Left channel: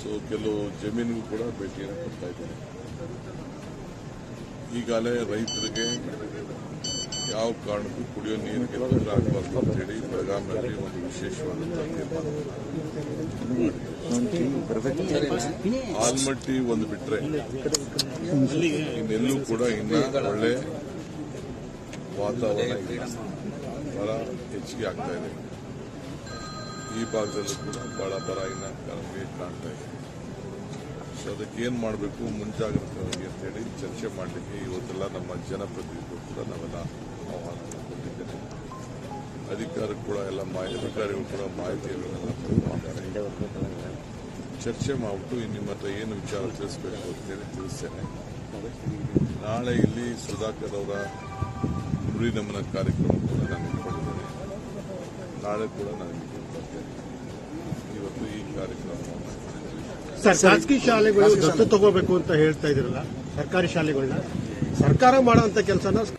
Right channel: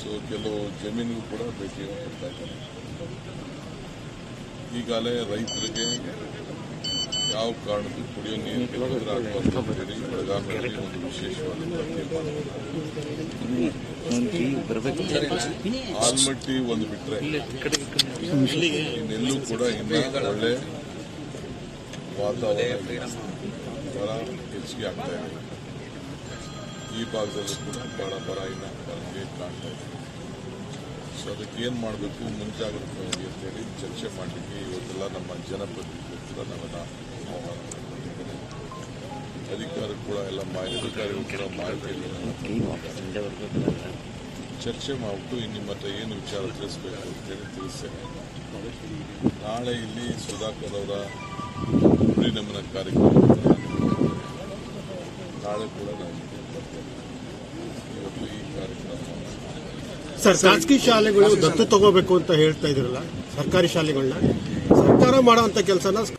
So ಕೆಲವು ಜಮೀನಿಗೂ ಕೂಡ ಭೇಟಿಯನ್ನು ಕೊಡ್ತಾ ಇದ್ದೇನೆ. ಈಗಾಗಲೇ ರೈತರಿಗೆ ಯಾವ ಕಾರಣಕ್ಕೂ ಕುಡಿಯೋ ನೀರು ತೊಂದರೆ ಆಗಬಾರ್ದು ಅಂತ ಹೇಳಿ ಬೆಳಗಾವಿಯಲ್ಲಿ ಒಂದು ವಿಶೇಷವಾದಂತಹ ತೀರ್ಮಾನ. ಆಲ್ಮಟ್ಟಿ ಒಂದು ಬಿಟ್ಟರೆ ಇನ್ನೆಲ್ಲೂ ಕೂಡ ಇನ್ನ ಒಳ್ಳೆ ವಾತಾವರಣ ಬಹಳ ಹೆಚ್ಚಿಗೆ ಆಗ್ತಾ ಇದೆ. ಈ ಭಾಗದಲ್ಲೂ ಕೂಡ ಬಹಳ ಬರ ಇನ್ನ ನಮಗೆ ಕಾಣ್ತಾ ಇದೆ. ಸೊ ಅದಕ್ಕೆ ಏನು ಮಾಡಬೇಕು ಮುಂಜಾಗ್ರತೆಯಾಗಿ ಅಂತೇಳಿ ಚರ್ಚೆ ಮಾಡಲಿಕ್ಕೆ ಇವತ್ತೆಲ್ಲ ನಮ್ಮ ಜನಪ್ರತಿನಿಧಿಗಳು ಕೂಡ ನಾವೆಲ್ಲ ಆಹ್ವಾನ ಕೊಟ್ಟಿದ್ದೇನೆ. ಅಧಿಕಾರಿಗಳು ಕೂಡ ಎಲ್ಲ ಅಧಿಕಾರಿಗಳು ಕೂಡ ಮಾಹಿತಿಯನ್ನು ಚರ್ಚೆ ಮಾಡಿಬಿಟ್ಟು ನಿಮ್ಮ ಹತ್ರ ಏನು ವಿಚಾರ ತಿಳಿಸಬೇಕು ಅಂತೇಳಿ ತಿಳಿಸ್ತೇನೆ. ನಾಳೆ ಇಲ್ಲಿ ಸುಧಾಕರ್ ಅವರ ನುಡಿ ನಮನ ಕಾರ್ಯಕ್ರಮ ನಾಳೆ ಕೂಡ ನಾವು ಇವತ್ತು ಈ ಕಾರ್ಯಕ್ರಮ ಸರ್, ಖಾಸಗಿ ಶಾಲೆಗಳು ದತ್ತು ತಗೋಬೇಕು ಅಂತ ಹೇಳ್ತಾ ಇದ್ರಲ್ಲ, ಸರ್ಕಾರಿ ಶಾಲೆಗಳನ್ನ ಸರ್ಕಾರ ಮಾಡುವಂತ ಕೆಲಸನ